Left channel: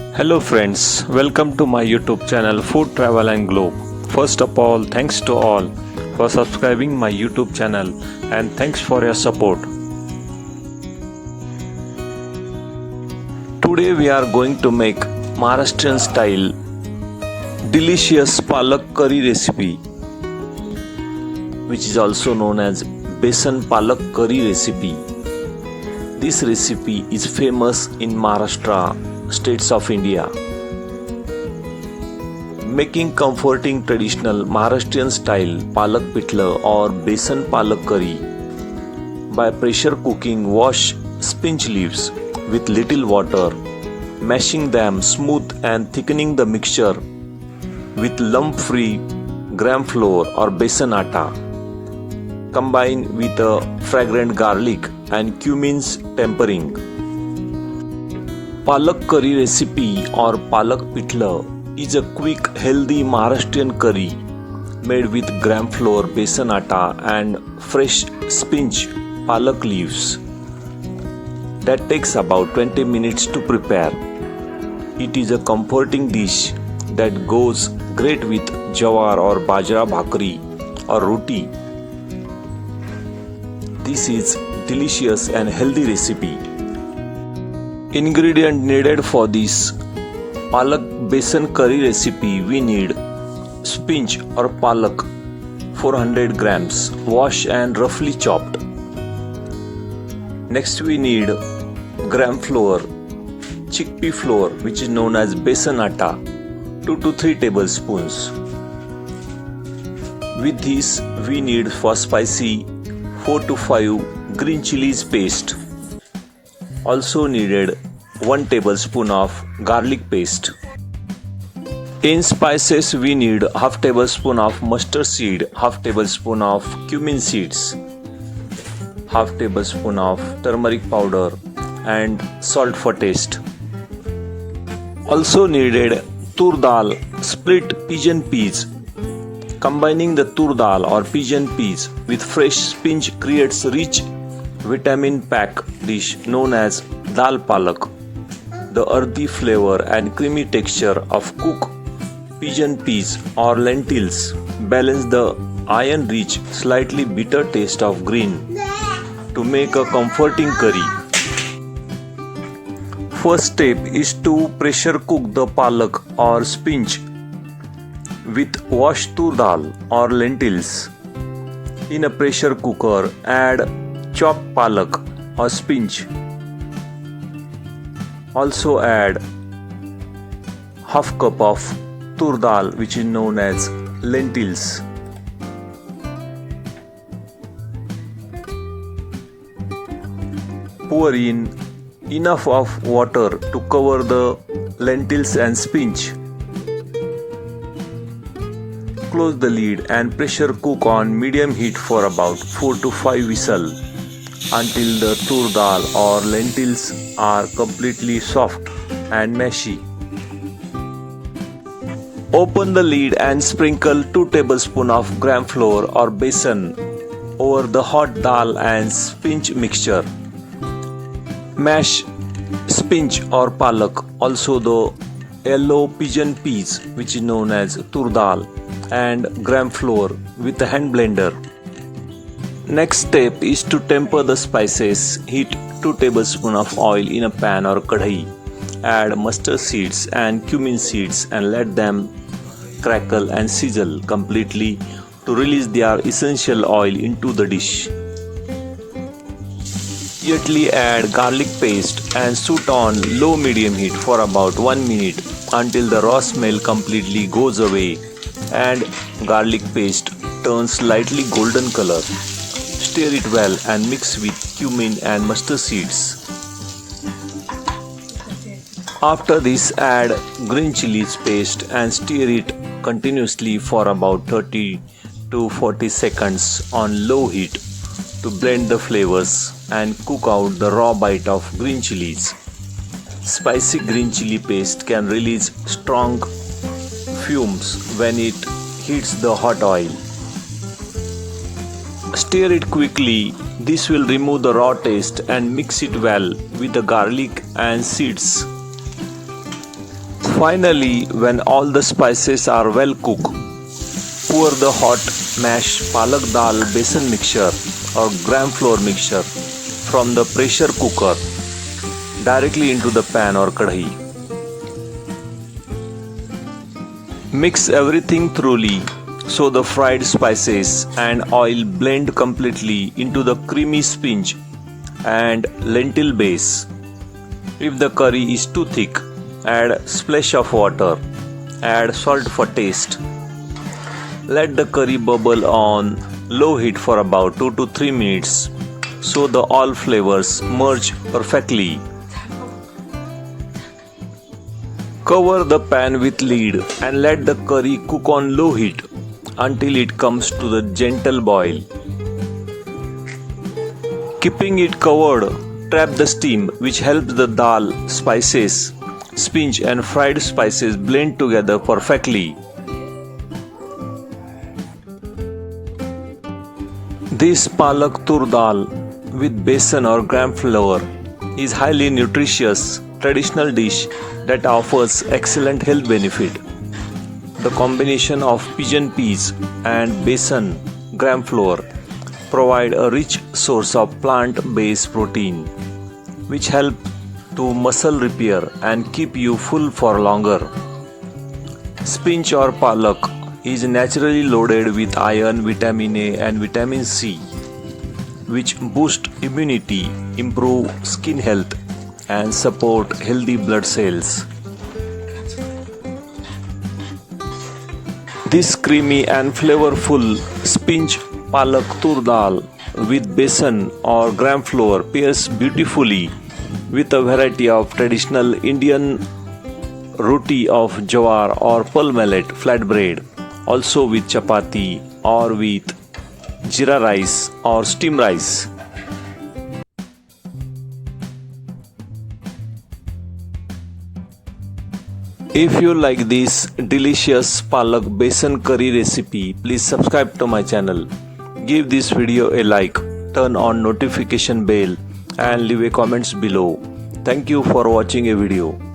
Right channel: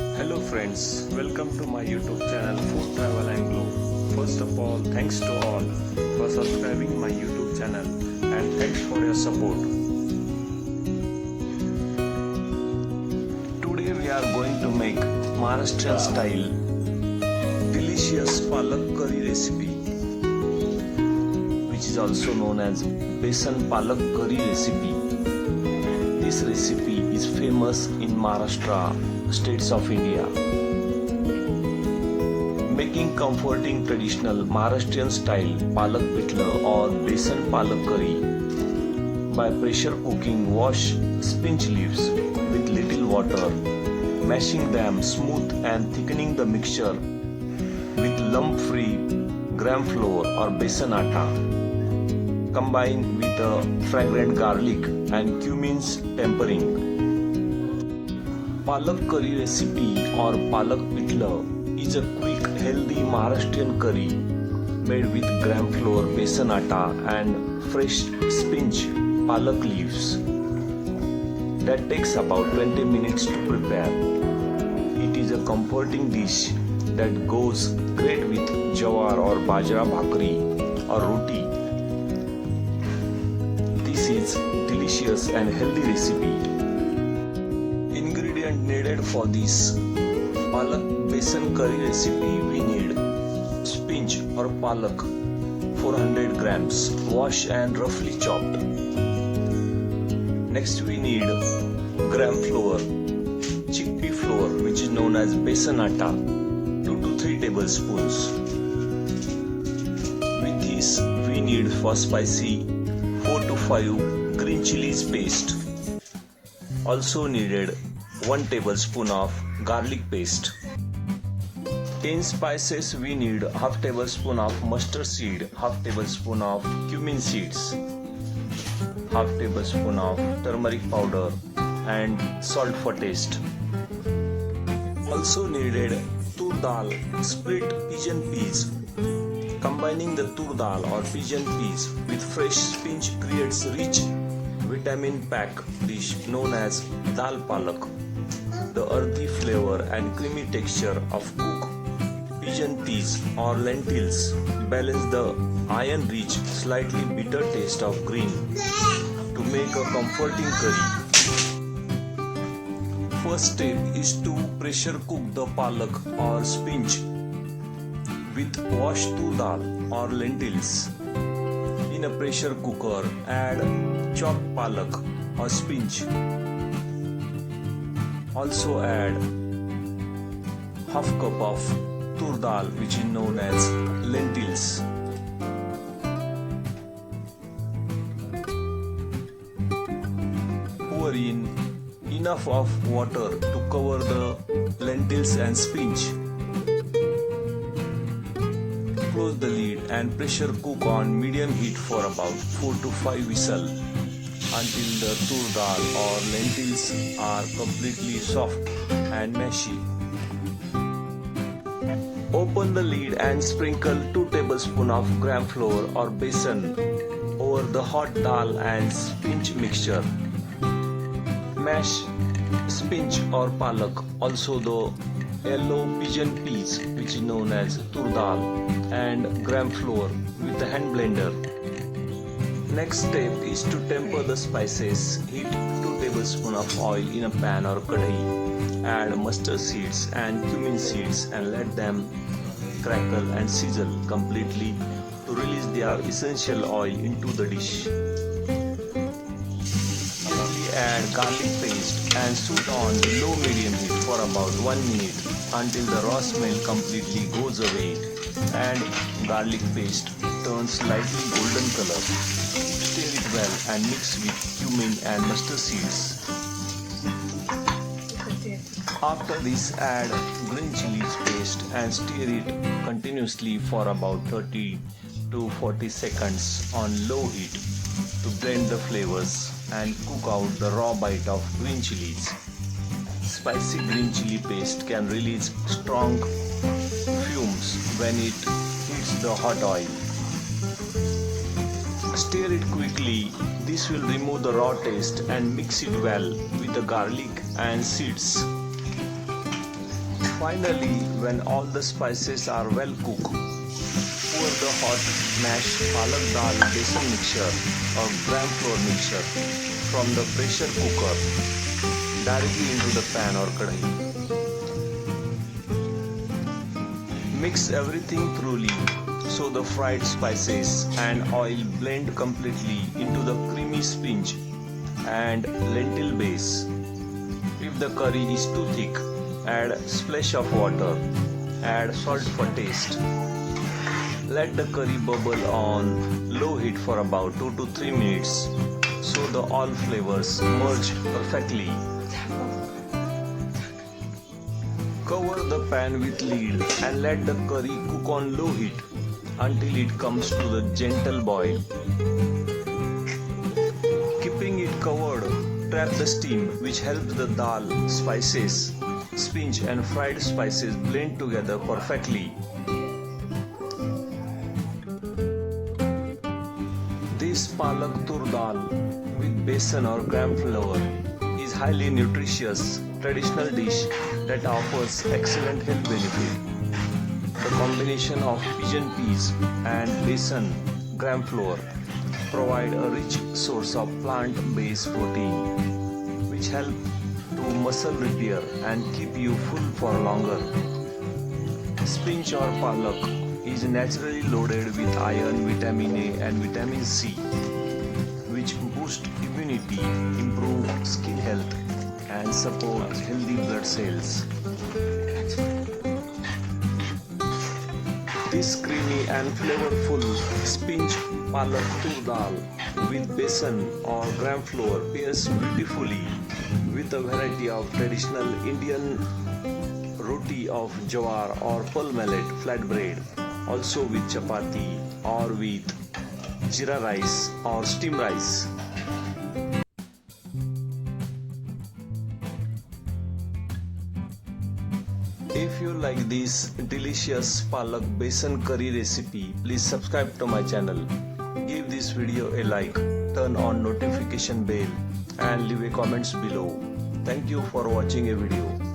Hello friends, welcome to my YouTube channel Food Travel and Globe. First of all, thanks to all for subscribing my YouTube channel and thanks for your support. Today we are going to make Maharashtrian style delicious Palak Curry Recipe, which is also known as Besan Palak Curry Recipe. This recipe is famous in Maharashtra states of India. Making comforting traditional Maharashtrian style palak pitla or besan palak curry by pressure cooking wash spinach leaves with little water, mashing them smooth and thickening the mixture with lump free gram flour or besan atta. Combine with a fragrant garlic and cumin's tempering. Palak curry recipe or palak pitla is a quick, healthy Maharashtrian curry made with gram flour, besan atta and fresh spinach palak leaves that takes about 20 minutes to prepare. It is a comforting dish that goes great with jawar or bajra bhakri or roti. This is delicious and healthy recipe. Ingredient needed for this palak besan curry recipe: we need spinach or palak 400 grams, washed and roughly chopped. Next we need gram flour, chickpea flour which is known as besan atta, 2 to 3 tablespoons. With this we need for spicy 4 to 5 green chilies paste. Also needed 1 tablespoon of garlic paste. In spices we need half tablespoon of mustard seed, half tablespoon of cumin seeds, half tablespoon of turmeric powder and salt for taste. Also needed tur dal, split pigeon peas. Combining the tur dal or pigeon peas with fresh spinach creates rich vitamin pack dish known as dal palak. The earthy flavor and creamy texture of cooked pigeon peas or lentils balance the iron-rich, slightly bitter taste of green to make a comforting curry. First step is to pressure cook the palak or spinach with washed tur dal or lentils. In a pressure cooker, add chopped palak or spinach. Also add half cup of tur dal which is known as lentils. Pour in enough of water to cover the lentils and spinach. Close the lid and pressure cook on medium heat for about 4 to 5 whistles until the tur dal or lentils are completely soft and mashy. Open the lid and sprinkle 2 tablespoons of gram flour or besan over the hot dal and spinach mixture. Mash spinach or palak, also the yellow pigeon peas which is known as tur dal and gram flour with a hand blender. Next step is to temper the spices. Heat 2 tablespoons of oil in a pan or kadai. Add mustard seeds and cumin seeds and let them crackle and sizzle completely to release their essential oil into the dish. Immediately add garlic paste and saute on low-medium heat for about 1 minute until the raw smell completely goes away and garlic paste turns slightly golden color. Stir it well and mix with cumin and mustard seeds. After this, add green chilies paste and stir it continuously for about 30 to 40 seconds on low heat to blend the flavors and cook out the raw bite of green chilies. Spicy green chili paste can release strong fumes when it hits the hot oil. Stir it quickly. This will remove the raw taste and mix it well with the garlic and seeds. Finally, when all the spices are well cooked, pour the hot mashed palak dal besan mixture or gram flour mixture from the pressure cooker directly into the pan or kadhi. Mix everything thoroughly so the fried spices and oil blend completely into the creamy spinach and lentil base. If the curry is too thick, add splash of water. Add salt for taste. Let the curry bubble on low heat for about 2 to 3 minutes so the all flavors merge perfectly. Cover the pan with lid and let the curry cook on low heat until it comes to the gentle boil. Keeping it covered, trap the steam which helps the dal, spices, spinach and fried spices blend together perfectly. This palak tur dal with besan or gram flour is highly nutritious traditional dish that offers excellent health benefit. The combination of pigeon peas and besan gram flour provide a rich source of plant-based protein which help to muscle repair and keep you full for longer. Spinach or palak is naturally loaded with iron, vitamin A and vitamin C which boost immunity, improve skin health and support healthy blood cells. This creamy and flavorful spinach palak tur dal with besan or gram flour pairs beautifully with a variety of traditional Indian roti of jawar or pearl millet flatbread, also with chapati or with jeera rice or steamed rice. If you like this delicious palak besan curry recipe, please subscribe to my channel. Give this video a like, turn on notification bell and leave a comments below. Thank you for watching a video.